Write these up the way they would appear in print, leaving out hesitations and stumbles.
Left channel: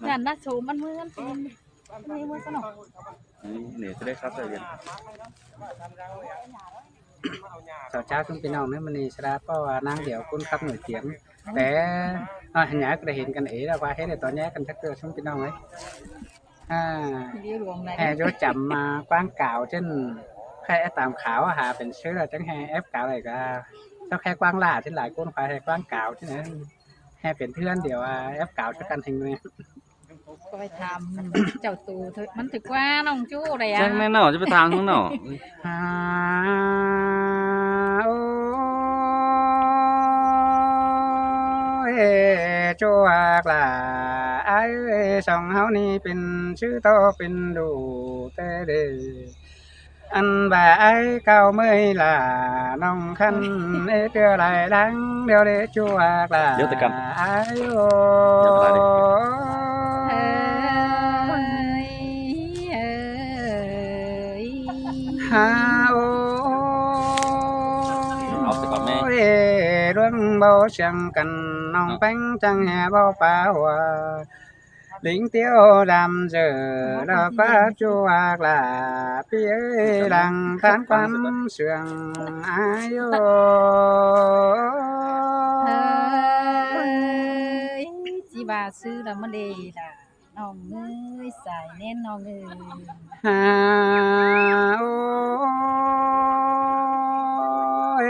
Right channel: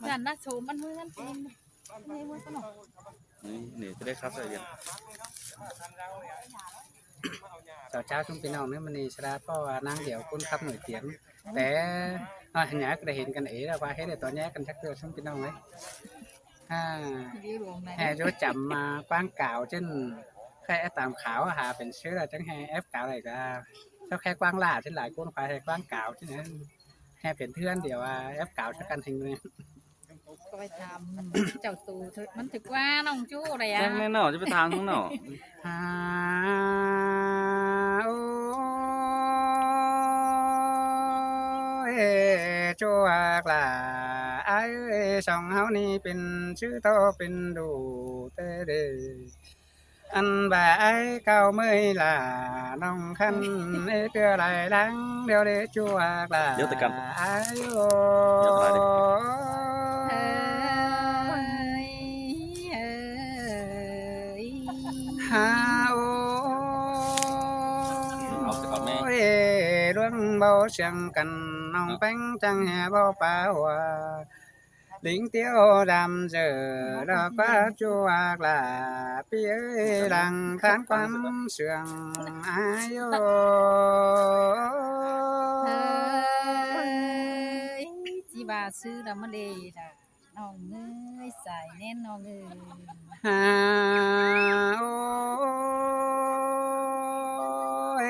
ngàn na số ăn mưa ăn mưa mưa có nọ để tôi đây khắp rồi vậy สาวเจ้าชุมพี่น้องเนี่ยมันนี่ชราเพราะว่านางเดี๋ยวคุณขับหน่วยเตียมแต่หันหยาก็ได้เห็นกันเอ๋แล้วว่าเห็นในตอนนี้กันชักเจอชุมพี่น้องไหมอ่า đi luồng แห่ này ยศจำมากว้างเก่าเช่นแค่ตามขาวหาเป็นเชื้อจังแห่เอฟเก่าอะไรก็เจ้าแค่กว้างล่าที่หลายคนควายแห่กว้างเก่าที่นั้นแห่เป็นเพื่อนเดี๋ยวเอฟเก่าช่วยกันทิ้งเลย coi tham chào tù thôiมันถึกว่าน้องจู้อะไร chắc อ่ะ nên nào chứ phải thang không nào ฮาโอ้ยจวกล่ะไอ้สองเฮานี่เป็นชื่อโตเป็นดูแต่เดอันบ่าไอ้เก่าเมื่อยล่ะน้องคันเอเตือไหลดังเดี๋ยวเดจวกล่ะไอ้โอ้ ฮาโอ เอาไปก่อนแม่ เรื่องเบาเสียงกันน้องแป้งจังแห่เบาป่าหัวลิงเตี้ยวดำเจอแล้วก็จัวกลาพี่เอ้ยหลังทานความเสื่องอายุ chị bà sư là mất đề là nòng ơi xài nên nòng ơi ฮาโอย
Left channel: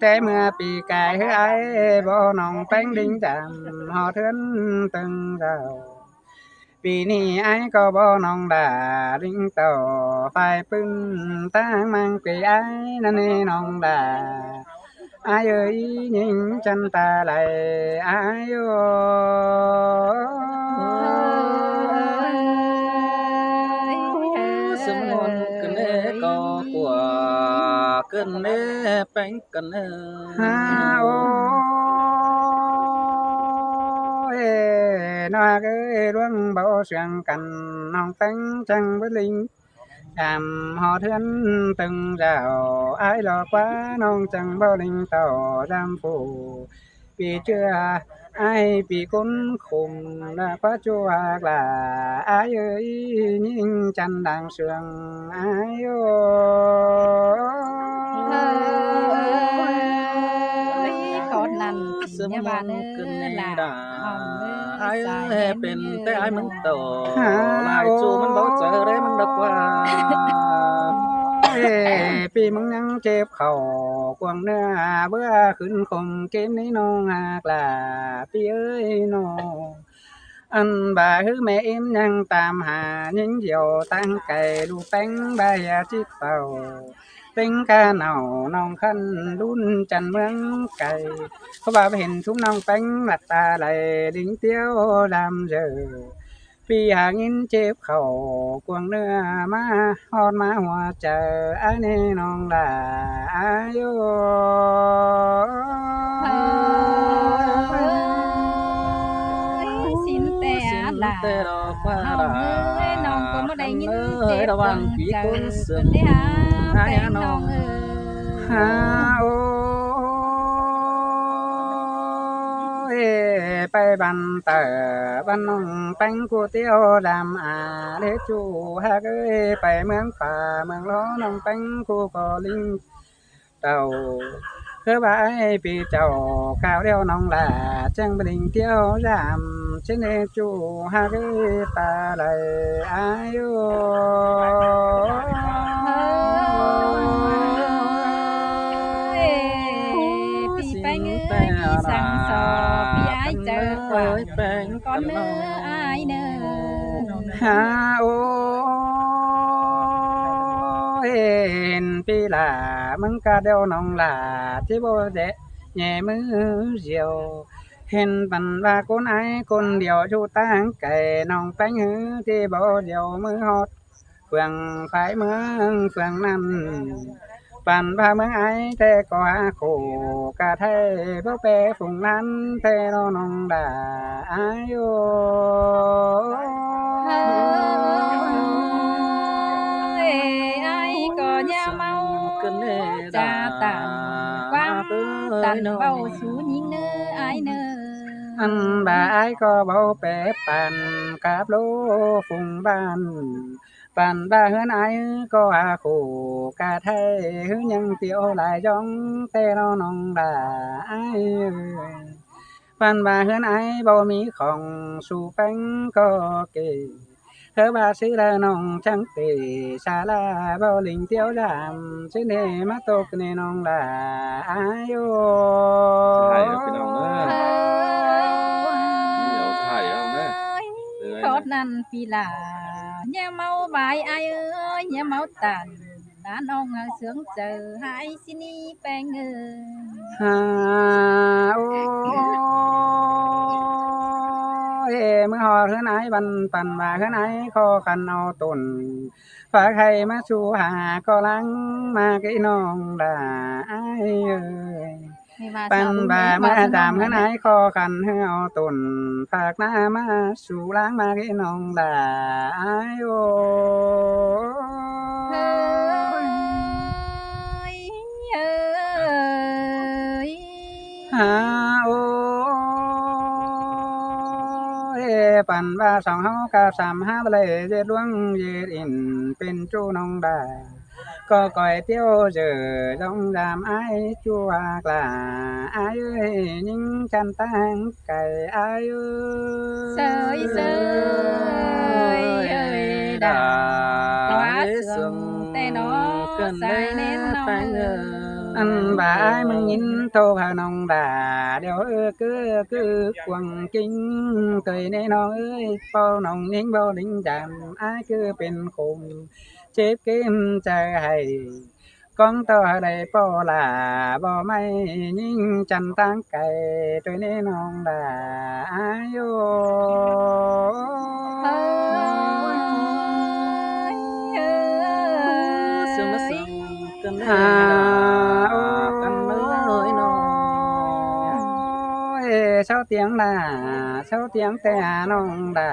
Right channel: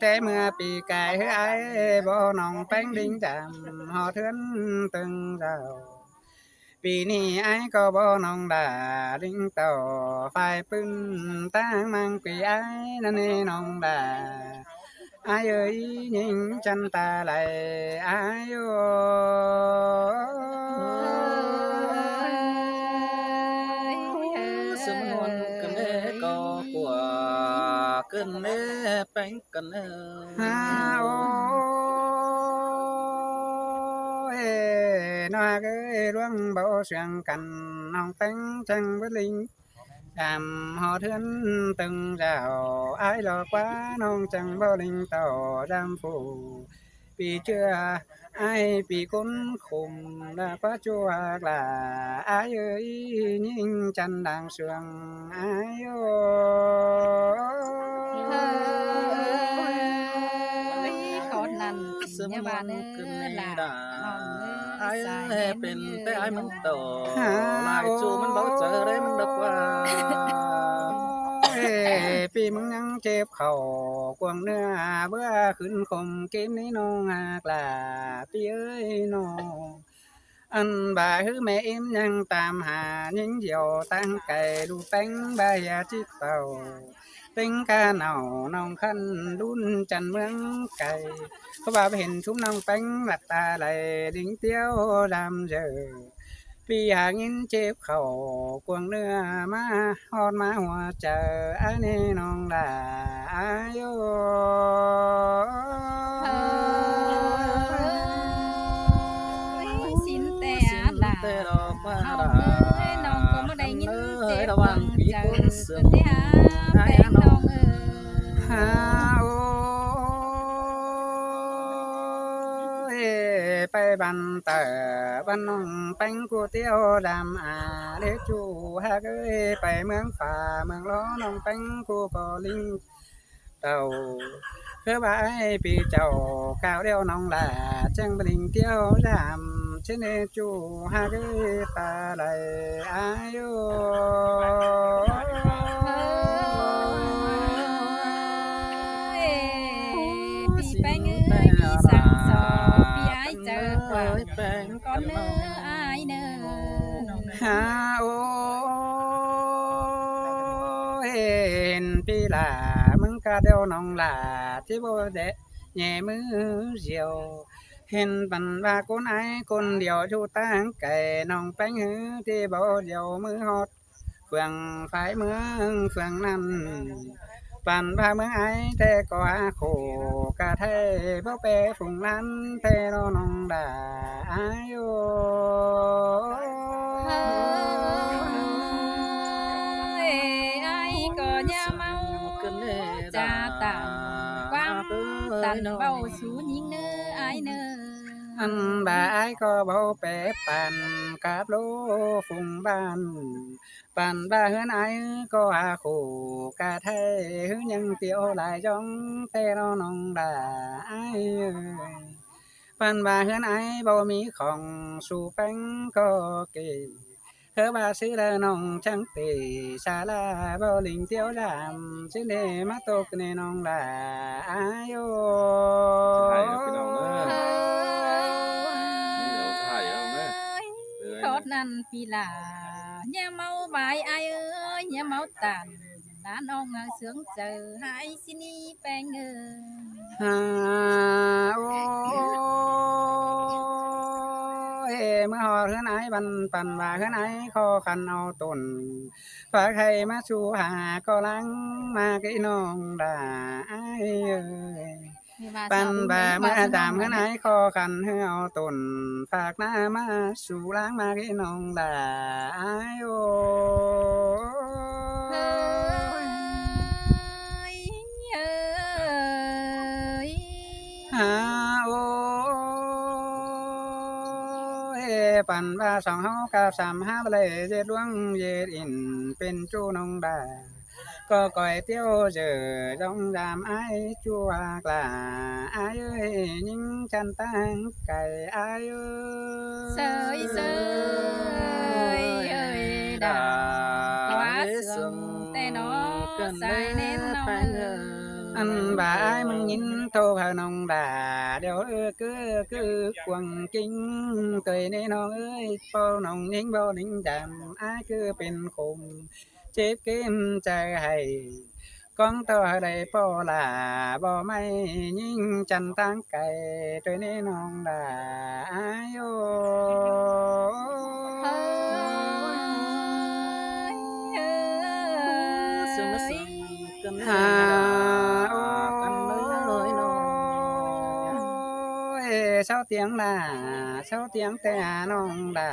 แต่เมื่อปีกายเฮ้ยบ่น้องแป้งดิ้งจำหอเทือนตึงเจ้าปีนี้ไอ้ก็บ่น้องด่าดิ้งต่อไฟปึ้งตั้งมังปีไอ้นั่นนี่น้องด่าไอ้เอ้ยยิงจันตาไหลไอ้โย sớm hôn cần nê có của cần nê bánh cần nê ฮาโอ้ยน้อยเอ้ยร่วงเบาเสียงกันน้องแต่งจังvới linh đàm họ thuyền từng rào ai lo quá non chẳng bao linh tàu đam phủ vì chưa ai bị cốn khùng đã quá chua là ai ơi nhìn chân đang sương ai ơi con nằn sớm nhà bà hôn nữa cần nê là đã nòng ai ơi xài ơi nên bên như tay ai mừng tàu À, lại chú mình bảo chờ đấy mình đọc qua ปีมึงยังเจ็บเข่ากวางเนื้อเบื่อขึ้นคมเกมนี้น้องหากลาปีเอ้ยน้องอันบ่าฮือแม่เอ็มยังตามหายิงเดียวตั้งไก่ดูแป้งใบจิตเต่าเต็งกาเหนาน้องคันรุ่นจันเมืองไก่เขาบ่าเห็นชุมน้องแป้งหลัดตาไหลดิ้งเตี้ยวดำเจอ พี่หางินเจ็บเข่ากวงเนื้อมาฮอดมาหัวใจอันนี้น้องด่าอายุ xin tè đà tê đỏ qua nòng ơi nòng có mà đầy nhìn chết đỏ vàng bằng quý chờ cuốn sườn để há hai bé nòng nòng ฮา ơi โอ้ยไปบันเตอบันน้องแป้งกูเตี้ยวดำเลจูฮากเอ้ยไปเมืองฝ่าเมืองล้อน้องแป้งกูก็ลิงเต่า คือว่าไอ้ปีเจ้าข้าวเดียวน้องลาจังบลิงเที่ยวรำเชนเนจูฮาคือตาไหลอายุ พี่แป้งเอ้ยพี่สั่งสอบพี่ย้ายเจอขวางก่อนเนื้ออายเนื้อ ฮาโอเห็นปีลามึงกะเดียวน้องลาที่บ่เดะแย่มือเสียว เห็นปันว่าคนไอ้คนเดียวอยู่ตั้งไก่น้องแป้งหือที่บ่เดียวมือฮอดเฟืองไฟเมืองเฟืองนั้นปันว่าเมืองไอ้แต่ก็หาคู่กะไทยบ่แปรฝุ่งนั้นแต่น้องด่าอายุ ai có nhà mau cần nê cha tàn quang tàn bầu xuống những nơi ai nơi อันบ่ายก็เบาแปรปันกับโลฟุงบ้านปันบ่าเฮือนไอก็อาคู่กะไทยหือยังเตียวหลายจ้องแต่น้องดาไอเอ้ยปันบ่าเฮือนไอบ่มีของสู่แป้งก็เกเธอบ่าซื้อแล้วน้องจังเตศาลาบ่ลิงเตียวดำซื้อเนมาตกในน้องดาอายโย ใช่ครับพี่น้องเอ้ย เ เดี๋ยวถ่ายเอาเด้อ อ้ย เอ้ย โคตรนั่นปีหลาnhà mau bài ai ơi nhà mau tàn đã non sướng chờ hai xin đi bèn ơi ฮาโอ้ยเมื่อหอดเฮือนไอ้บันปันว่าเฮือนไอ้ขอคันเอาต้นฝากให้มาชูหาก็ลังมากี่น้องด่าไอ้เอ้ย ปันบ่ามาดามเฮือนไอ้ขอคันให้เอาต้นฝากหน้ามาสู่ล้างมากี่น้องด่าไอ้โอ้ ơi ơi ฮาโอ้ยปันว่าสองเฮากับสามห้าเลยเจ็ดดวงเย็ดอินเป็นจูน้องดาก็ก่อยเตี้ยวเจอจ้องดามไอ้จัวกลาไอ้เอ้ยยิงจันตั้งไก่ไอ้เอ้ย sơi sơi ơi đà quá sương tê nó dài nên nó อันบ่ายมึงยินโทรหาน้องด่าเดี๋ยวคือกวางกิ้งเคยแน่น้องเอ้ยเป้าน้องยิงบ่ดิ้งจำอ้ายคือเป็นคมเจ็บเกมใจให้ก้องต่อได้ป่อลาบ่ไม่ยิงจันตั้งไก่ตัวนี้น้องด่าอ้ายโย sương mất sương cơnฮาโอ้ กันเลยน้อง ยเช้าเตียงด่าเช้าเตียงแต่น้องด่า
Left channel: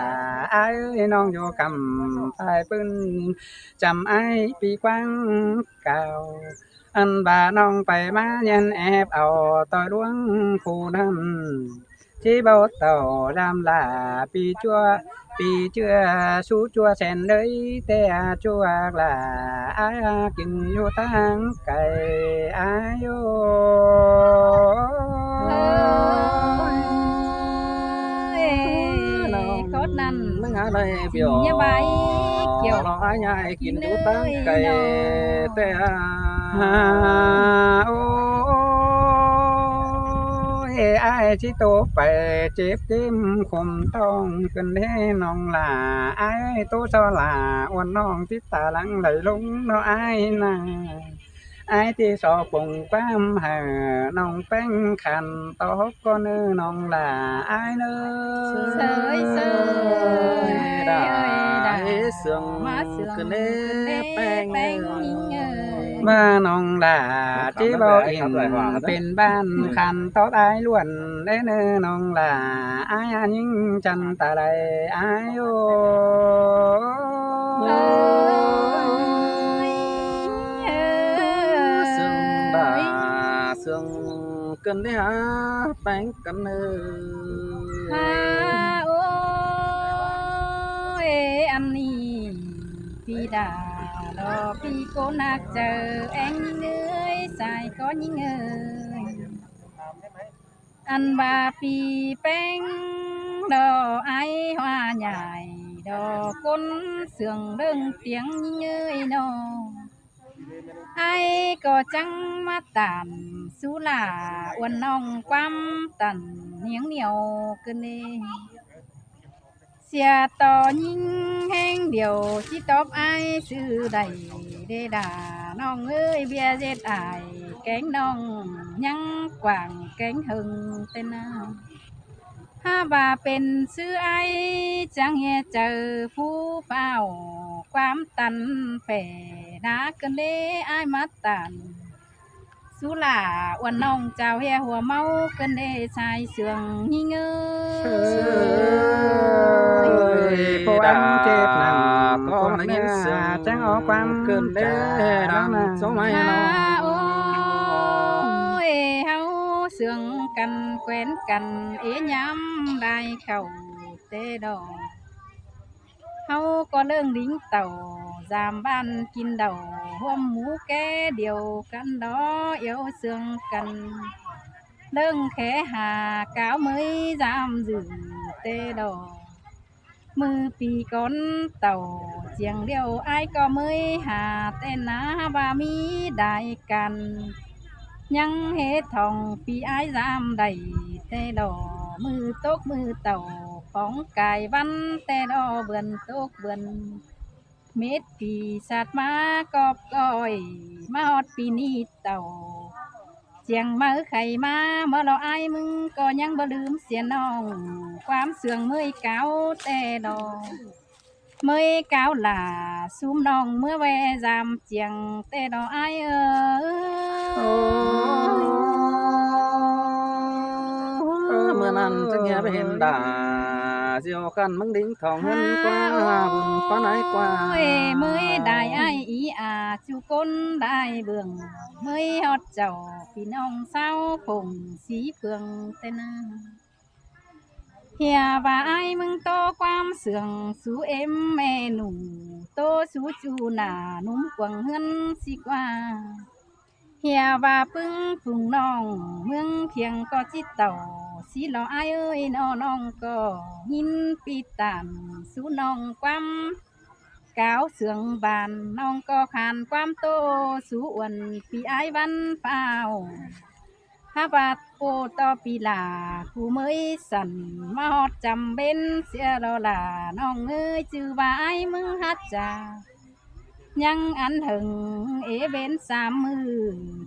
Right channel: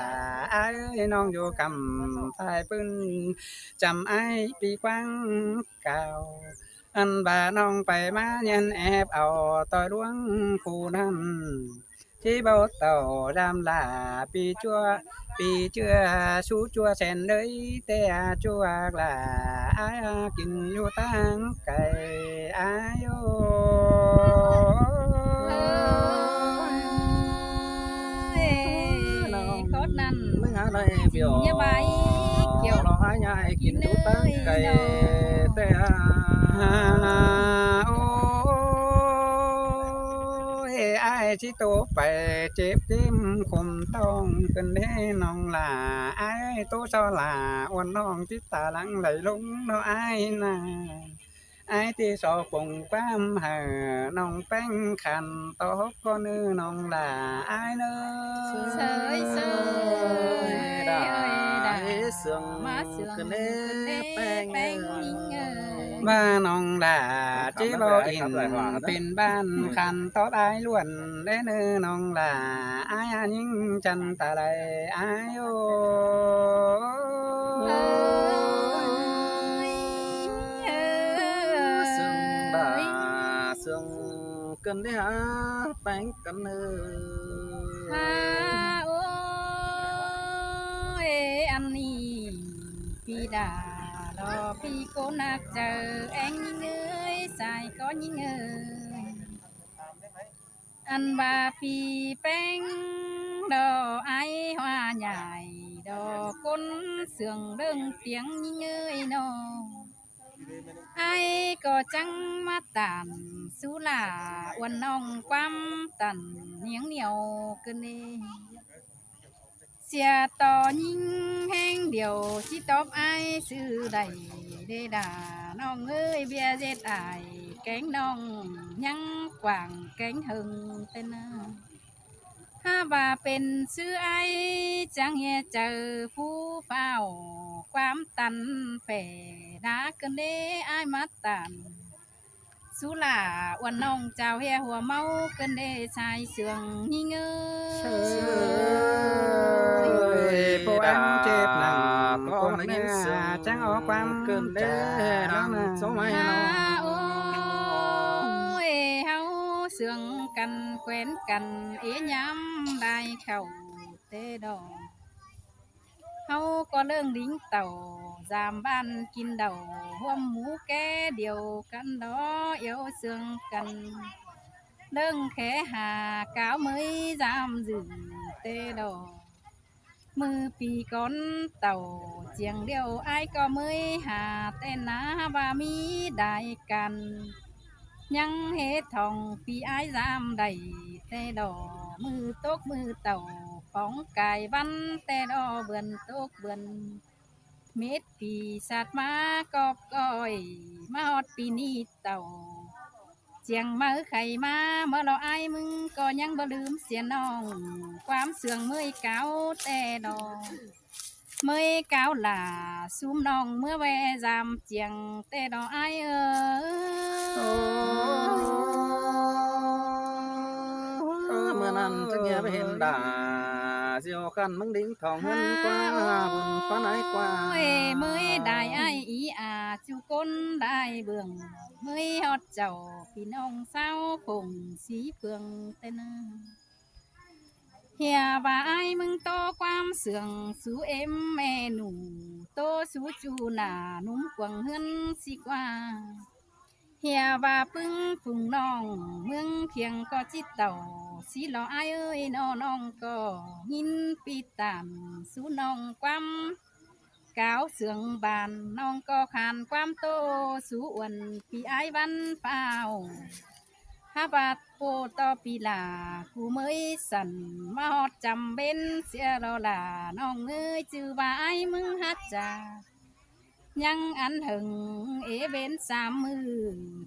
อ้ายเอ้ยน้องอยู่กำสายปืนจำไอ้ายปีกว้างเก่าอันบ่าน้องไปมายันแอบเอาต่อยดวงผู้นั้นที่เบาเต่าดำลาปีเชื่อสู้จัวแสนเลยแต่จัวกลาอ้ายกินอยู่ตั้งไก่อ้ายโย khốt năn mấy ngã đây biểu nhà bài kiểu nó hai nhai kín đu tăng cày tè ฮาโอ้ยอ้ายที่โตไปเจ็บเต็มคมต้องเป็นแน่น้องหลาอ้ายโตเจ้าหลาอ้วนน้องที่ตาหลังไหลลงเนาะอ้ายนาอ้ายที่สอปงความหาน้องแป้งขันตอกก็เนื้อน้องหลาอ้ายเนื้อ sơi sơi đã đã sương má sương cứ nê bèn bèn ơi บ้านน้องด่าที่บ่อินเป็นบ้านคันตอกอายล้วนได้เนื้อน้องด่าอายยิ่งจันตาใดอายโอ sương đã sương cơn đấy hả bánh cắn ơi à ôi anh đi phi đà đò phi cô nạc chờ anh những ơi xài có những ơi anh bà phi bánh đò ai hoa nhài đò côn sườn đơn tiếng những ơi nó ai có trăng mắt tàn xú là uốn nong quăm tần niếng nhiều cơn đê xia to nhìn heng điều chỉ tóc ai sư đầy đê đà nong ơi bia dệt ải cánh nong nhăng quảng cánh hừng tên nào ha bàเป็นซื้อไอจังเฮเจอผู้เฝ้าความตันแผ่นากันเด้ไอมาตันสุลาอ้วนน้องเจ้าเฮหัวเมากันเด้ชายเสืองหิเง เอ้ย ย ผู้อันเจ็บหนัง có là những sương จังเอาความ cơn จา đấy น้อง đang นะ số mày ฮา nó โอ้ยเฮาส สื่องกันแขวนกันเอ๋ย้ำได้เข้าเตดอกเฮาก็เรื่องลิงเต่าจามบ้านกินเดาห่วมหมูแก่เดียวกันดอเอวเสื่องกันเรื่องแค่หากาวmới dám giữ tê đỏ mưa pì con tàu chieng điệu ai có mới hà tên ná ba mi đại can nhăng hết thòng pì ai dám đầy tê đỏ mưa tốt mưa tàu phóng cài văn tê đỏ vườn tốt vườn mết pì sạt má cọp coi má hót pì ni tàu เจียงมาไข่มาเมื่อเราอายมึงก็ยังบ่ลืมเสียน้องความเสื่องเมื่อยเก่าแต่ดอกเมื่อยเก่าหล่าซุ่มน้องเมื่อแวจามเจียงแต่ดอกอายเมื่อนั้นจะเงียบเห็นด่าเสียวกันมึงดิ้งทองเงินกว่าบุญฟ้าไหนกว่า เมื่อยได้อายอีอาจูก้นได้เบื้องเมื่อยฮอดเจ้าพี่น้องสาวผงสีเพืองแต่นาเฮียว่าไอ้มึงโตความเสื่องสู่เอ็มแม่หนูโตสู่จูหน้านุ่มกวางเฮือนสิกว่าเฮียว่าปึ้งฝุ่งน้องเมืองเพียงก็จิตเต่าสิหล่อไอ้เอ้ยน้องก็หินปีตามสู่น้องความก้าวเสื่องบานน้องก็ขานความโตสู่อ้วนพี่ไอ้วันเฝ้า ฮาบาดโปตอปีลาผู้เมยสันมาฮอดจำเป็นเสียเราล่ะน้องเอ้ยจือว่าไอ้มึงฮัดจายังอันหึงเอเวนสามมือ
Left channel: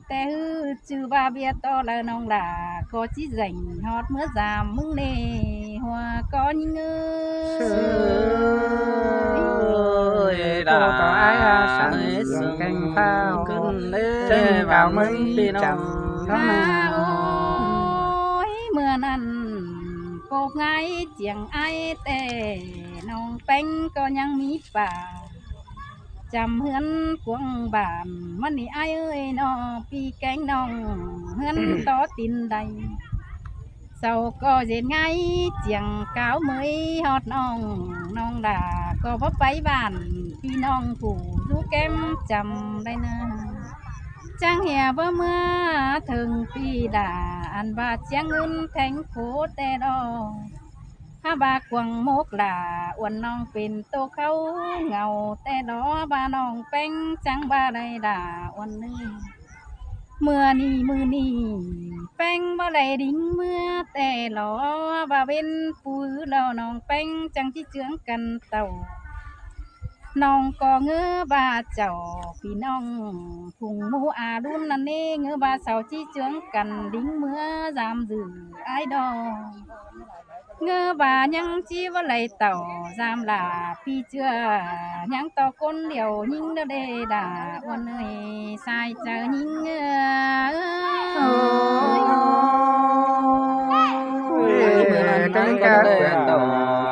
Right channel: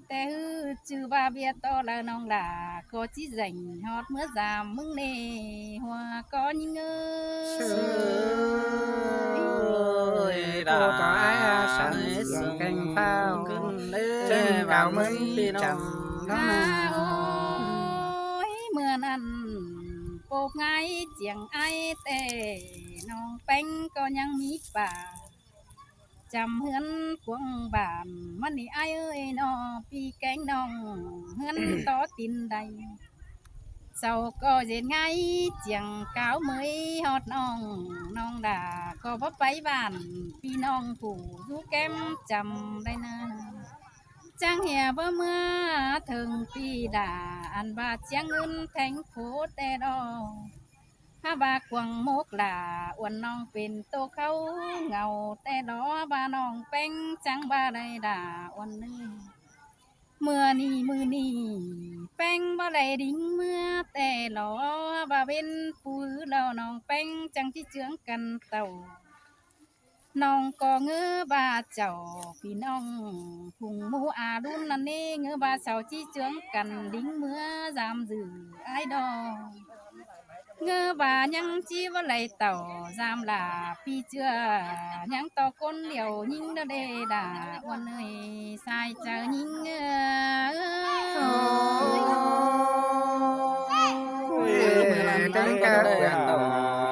แต่ฮือจือว่าเบียต่อละน้องล่ะก็จิแรงฮอดเมื่อจามมึงเน่หัวก็ยิงเอ้ ย cô có ai sẵn sàng canh phao trên cao mấy chẳng đó โอ้ nào ยเมื่อนั้นโกบไงเจียงไอแต่น้องแป้งก็ยังมีป่าจำเฮือนกวงบานมันนี่ไอเอ้ยน้อปีแกงน้องเฮือนต่อตินใดเศร้าก็เย็นไงเจียงเก้าเมยฮอดน้องน้องด่าก็บ่ไปบ้านพี่น้องผู้ดูแก้มจำได้นะจังเหียบ่เมื่อถึงปีด่าอันว่าเจียงเงินแทงโคแต่ดอกถ้าบากวงมกด่าอ้วนน้องเป็นโตเขาเงาแต่ดอบาน้องแป้งจังบาได้ด่าอ้วนนี่เมื่อนี้มือนี้แป้งบ่ได้ดิ้งเมื่อแต่หลอบาเป็นผู้แล้วน้องแป้งจังที่เจืองกันเต่าน้องก็เงือบาเจ้าพี่น้องพุงหมูอารุ่นนั่นเองเงือบาเสาที่เจืองกันดิ้งเมื่อจามจือไอดอเงือบายังจีว่าไหลเต่าจามลาพี่เจือยังต่อก้นเหลียวยิงเดเดดาวันเอ้ยสายเจอยิงเงือ Trắng cá vườn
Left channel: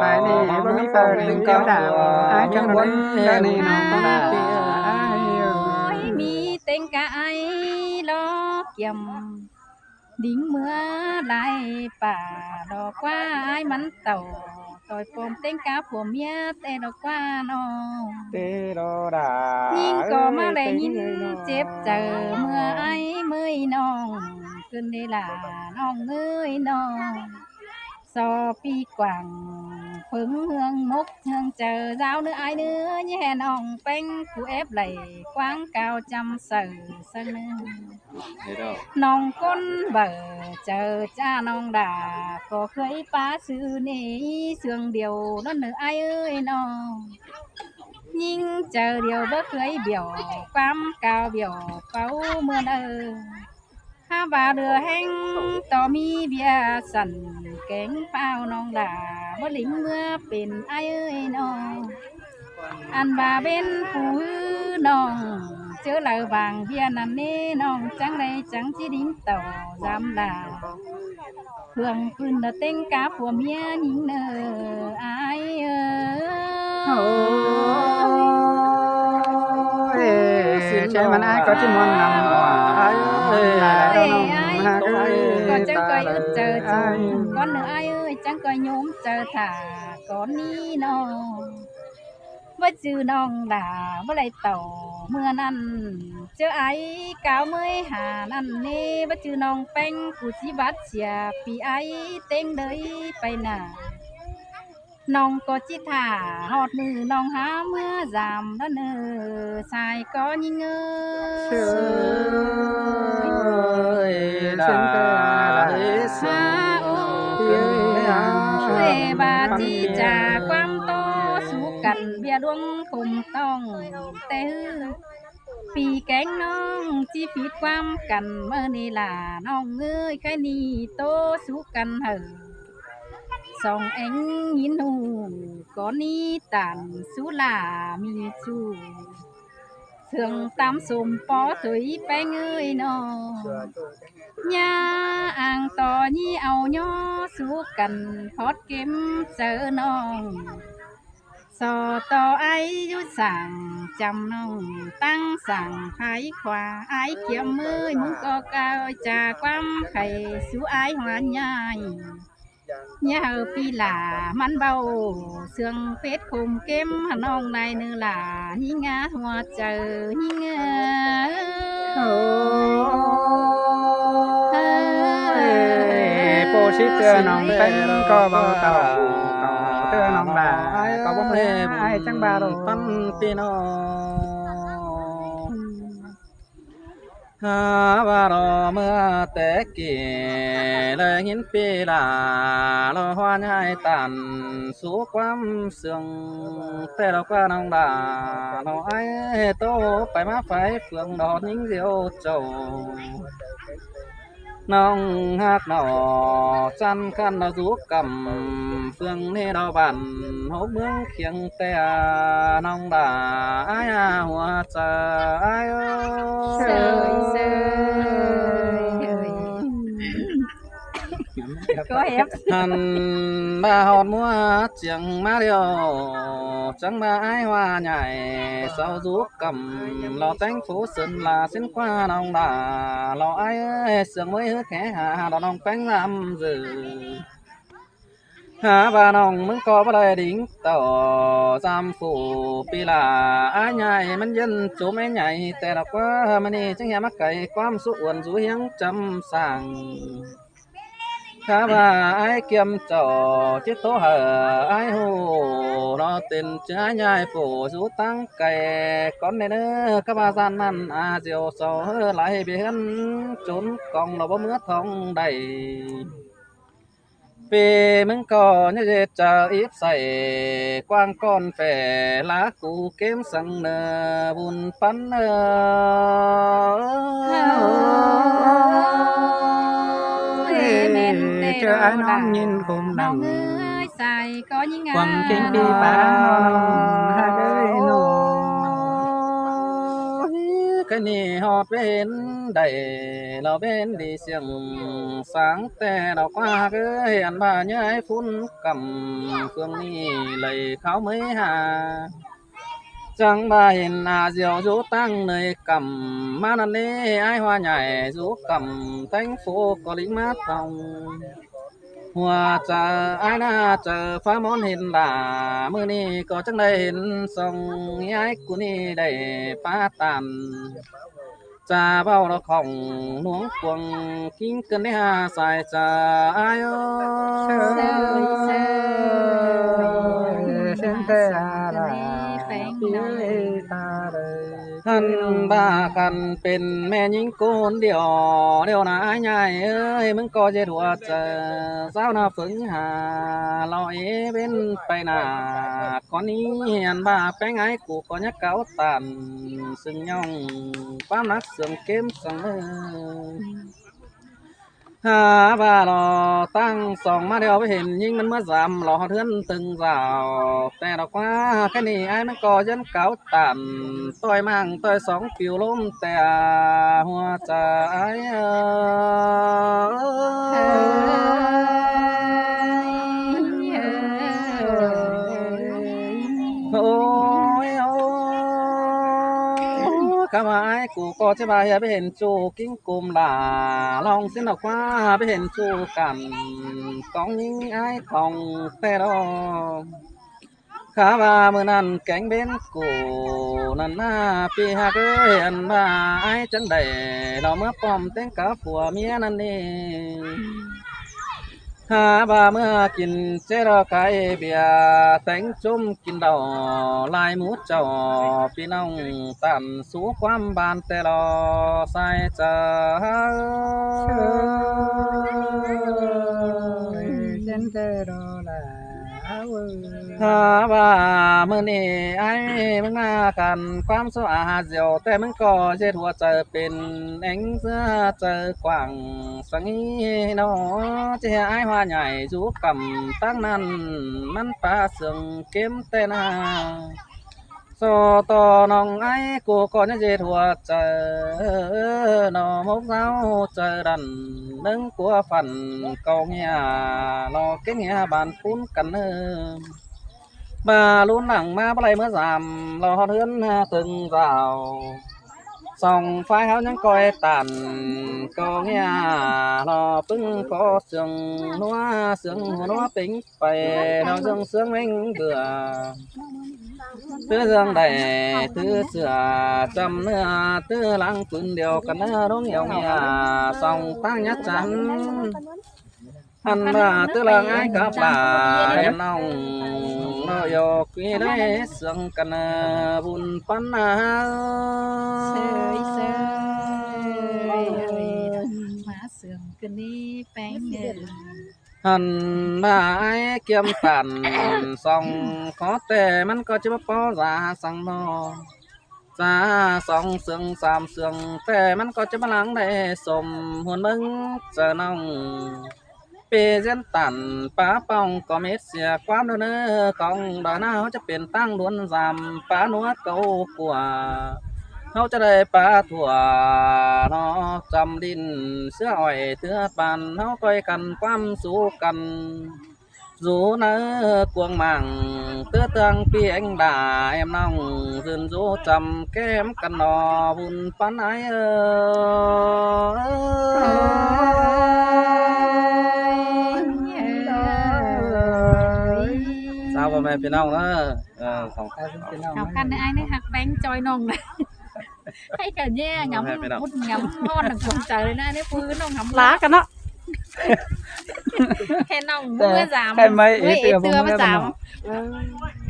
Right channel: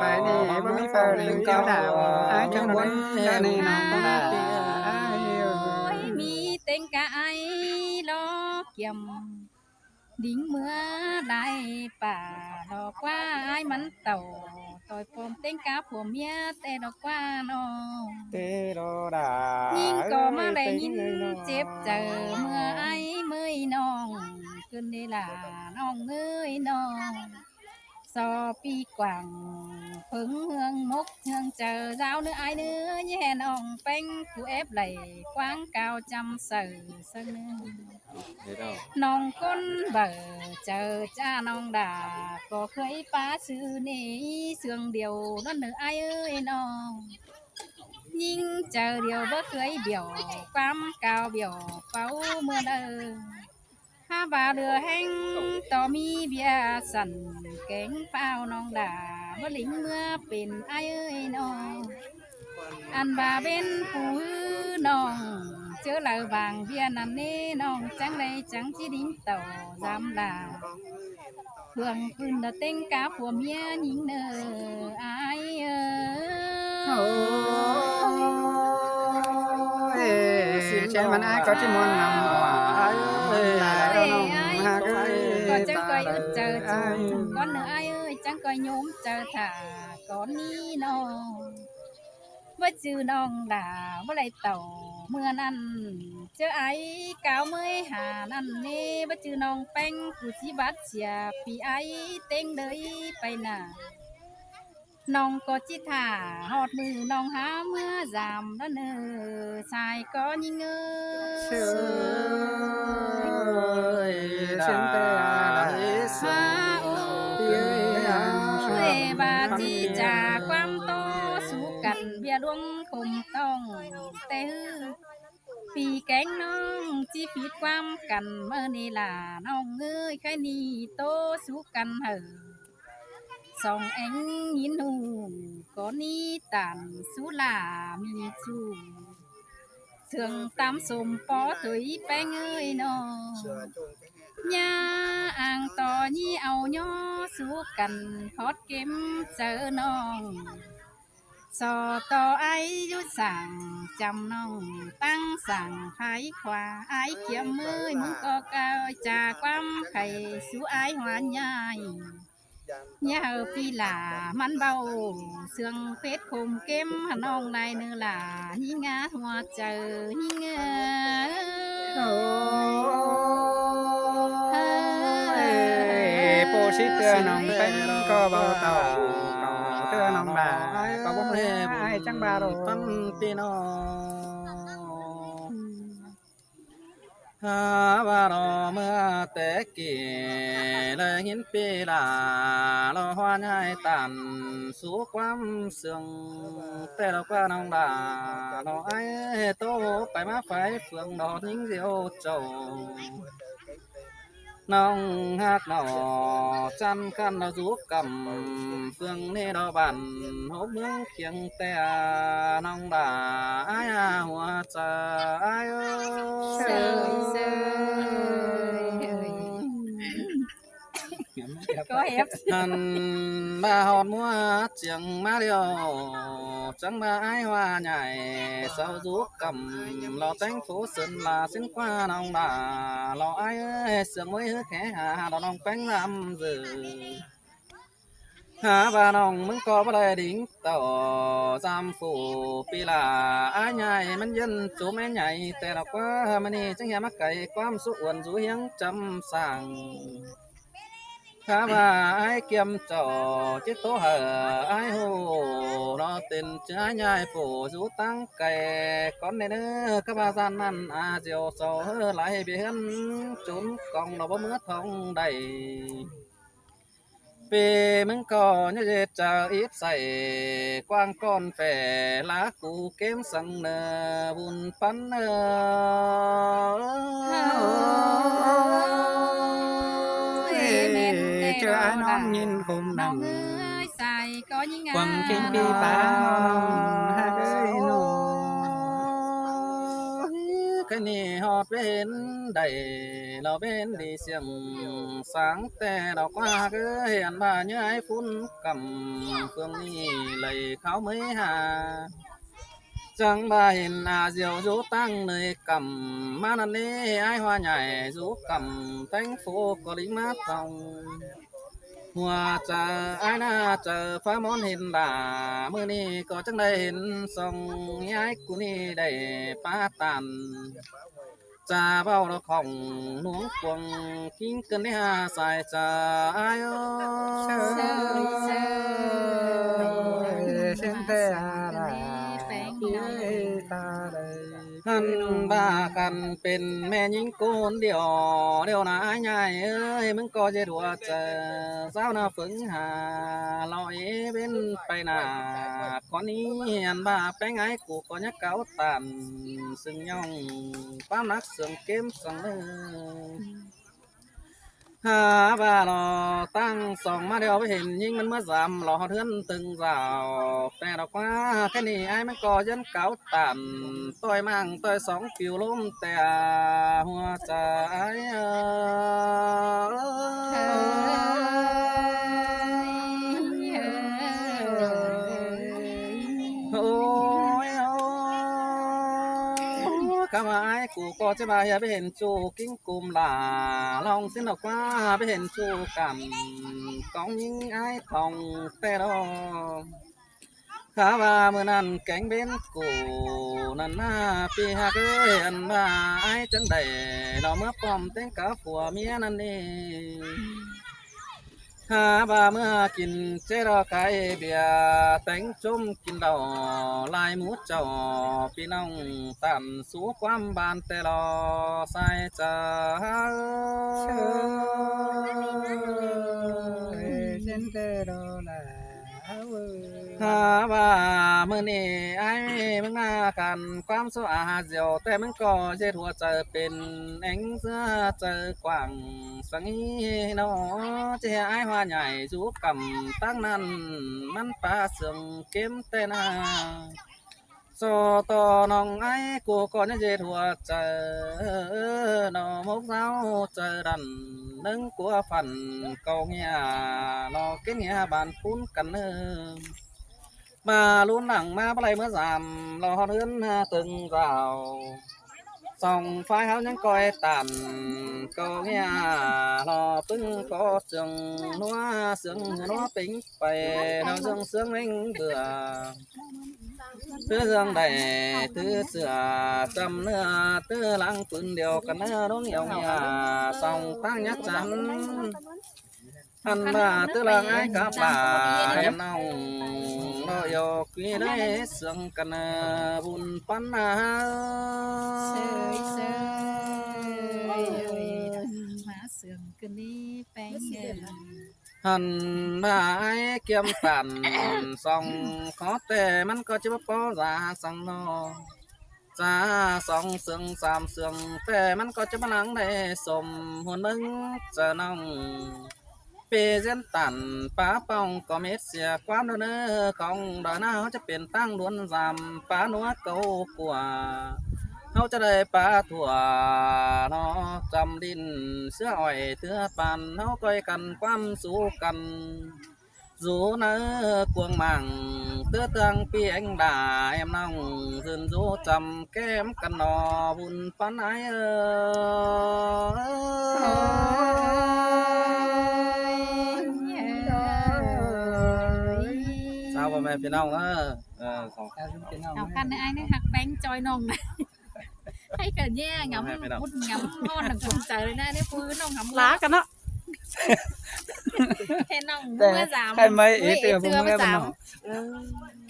phải đi mới phao lên kéo đào ai trong quấn ra này nó là ai มีเต็งกะไอล้อเกี่ยมดิ้งเมื่อได้ป่าดอกว่าไอ้มันเต่าต่อยปมเต็งกะผัวเมียแต่ดอกว่าน้อง tê đô đà ยิ่งก็มาได้ยินเจ็บเจอเมื่อไอ้เมื่อยน้องขึ้นได้ล่ะน้องเอ้ยน้องสอปีกว่างเพิ่งเฮืองมกเฮืองเจอราวเนื้อไอ้เนื้อแย่น้องเป็นผู้เอฟไหลกว้างกาวจำเสือเสนอ น้องก้นเบอเจอจ้าน้องด่าก็เคยป้าซื้อนี่เสื่องเดียวนั่นเนื้อไอ้เอ้ยน้องยิ่งเจอเดียวบ่เคยเบี่ยวความกาวเบี่ยวเป้าเมื่อถ้าบาเรือแห้งต่อมีเบียสั่นแกงเป้าน้องด่าบ่ลิงเมื่อเป็นไอ้เอ้ยน้องอันบาเป็นผู้น้องเจอแล้วบางเบียนั่นนี่น้องจังเลยจังที่ดิ้งเต่าจำด่าเพื่องปืนเต็งกาผัวเมียหญิงเนอไอ้เอ้ย chạy mà ai có chỉ mòn nằm là ไอ้ đâu ไอ้ ha ก็จ chẳng coi ướt chờ chồng con nữa ai ơi chẳng coi nhóm chờ thả con ní nó với chữ non đà với lại tàu mưa năn chớ ấy cáo mới hà năn nê với chữ non bánh cụ chỉ bắt chìa vì ấy tên đấy bay nà non có chỉ thả hot nữ non há mưa giảm đó nơ xài có nhìn ơi sen te la ha ơi bà chi trà quam to su cằn bia đuông cùng tông têปีแกงน้องจีฟีความกันเมื่อนี่ล่ะน้องเอ้ยแค่นี้โตสู้กันเหอะสองเอ็งยินหูก่อนนี้ตันสู้ล่ะมีจูเสื่องตามสมปอถุยแป้งเอ้ยน้องย่าอ่างต่อยี่เอาย่อสู้กันพอดเก็มเจอน้อง sò to ấy du sàng chăm nông tăng sàng khái khoa ái kiếm mới muốn có cao trà quam khầy sú ái hoa nhai nhà hờ phi là mắn bao xương phết khum kem nông này nữa là hi ngá hoa chờ hi ngá po ship tua nong tanh co bao tàu tua nong là có bóng lê ai chẳng ba đâu tâm tin ha ba ro mưa té kì lời hiến pi là lo hoa nhai tàn số quam sương té đâu qua nông đà nó ai tô phải má phải phượng đỏ những diệu trầu nong hát nọ chăn khăn nó rú cầm phương ni đào bản hố mương khiêng te nong đà ai hoa trà ai sơi có ép hàn ba hòn mua chẳng má liều chẳng ba ai hoa nhảy sau rú cầm lò tánh phố sơn là xin qua nong đà lò ai sương mới hứa khẽ hà đò nong bánh làm dự hà bà nong mừng có bà đời đính tỏ giam phủ pi là ai nhảy mình dân chú mấy nhảy tè đọc quá mà đi chẳng nghe mắc cày quam số uẩn rú hiếng trăm sàng khá bà ai kiêm trò chiếc tố hở ai hồ nó tên trái nhai phủ rú tăng cày con này nữa các bà gian ăn diều sầu lại bị hắn trốn còn nó bóng mưa thông đầy vì mình có như dệt chờ ítใส่ quang con phè lá củ kiếm sang nơ buồn phấn chờ ai non nhìn cùng nong nằm ơi xài có những ngà quăng trên đi ba non hai đứa nô cái nì hót bên đầy lò bên đi xiềng sáng te đào qua cái hiền bà nhớ ấy phun cầm phương ni lầy kháo mấy hà chẳng bà hiền diều rú tăng nơi cầm má năn lê ai hoa nhảy rú cầm thành phố có lính mát phòng hoa chờ ai na chờ phá món hiền là mưa ni có chẳng đây hiền sông ai của ni đầy phá tàn cha bao đó khổng nuống cuồng kín cơn đấy hà xài cha ai sen te la thân ba cầnเป็นแม่หญิงโกนเดียวเดียวนะไอ้ใหญ่เอ้ยมึงก็จะดูเจอสาวน่าฝึกหาลอยเป็นไปหน้าก่อนนี้เห็นบ้าแป้งไอ้กูก็ยักเก่าตันซึ่งย่องความรักเสื่อมเกมเสมอหาบ้ารอตั้งสองมาเดียวไปเห็นยิ่งมันเมื่อสามรอเทือนตึงสาวแต่ดอกว่าแค่นี้ไอ้มันก็ยันเก่าตันต่อยมั่งต่อยสองปิวล้มแต่หัวใจโอ้ยโอ้ข ข้ามาไอ้กูก็จะไปไปเห็นจูกิ้งกุมหลาลองเส้นออกว่าไปเห็นจูกันกองยิงไอ้ทองแต่ดอข้าว่าเมื่อนั้นแกงเบนกูนั่นหน้าปีหากเห็นว่าไอ้จังใดเราเมื่อป้อมแต่งกับผัวเมียนั่นเองหาบ่าเมื่อกินเจรไก่เบียร์แต่งจุ่มกินเหล้าลายหมูเจ้าพี่น้องตันสู่ความบานแต่รอใส่เจ้า เชยเส้นเตอโดลาเวอ หาว่าเมื่อนี้ไอ้มึงมากันความสะอาดเดียวแต่มึงก็เช็ดหัวใจเป็นเอ็งเสื้อเจอกว่างสังอีเนาะจะไอ้หัวใหญ่จูกำตั้งนั้นมันปลาเสืองเก็มแต่นาโซต่อน้องไอ้กูก็ยังเช็ดหัวใจนอมกเท้าเจอดันนึงกัวฝันเกาเงียรอเก่งเงียบานปุ้นกันเนอ bà luôn nặng ma bà lấy mới giảm lo hót hướn từng vào sòng phái háo những coi tàn câu nghe lo pưng có sương nó tính phải nó dương sướng mình bừa thứ dương đầy thứ sửa trăm nữa thứ lăng phun điều cần đúng nhiều nghe sòng tăng nhất chắn hắn là tư là ai cả bà em nong nó yo quý đấy sương cần bùn pan má sườn cái ní bánh hắn là ai kiếm tàn song có thểมันก็จะมาป้อราสังนอจ้าสองเสืองสามเสืองแต่มันก็จะมาหลังได้สมหุ่นมึงเจอน้อง ปีเส้นตันป้าป้องก็เม็ดเสียความเนื้อของดอยหน้าเขาจะเป็นตั้งล้วนจำป้านัวเก่ากว่าเขาจะได้ป้าถั่วนอจำดินเสื้ออ้อยเถื่อปันเขาก้อยกันความสู้กันdù nỡ cuồng màng tứ tương pi anh đà em nong dừng dù trầm kem căn nò bùn pan ái sao bà mẹพี่น้องเนอะสอง học khăn này ai đấy học bánh choi nong này hay cả nhẹ ngắm mút ngắm ngon là không trờiเลยนะนี่ฟื้นนองngắm ล้ากันเนาะ แค่นองเมื่อสาม ใครไม่ เมื่อ เตือผม เมื่อ ไม่ สาม ทำ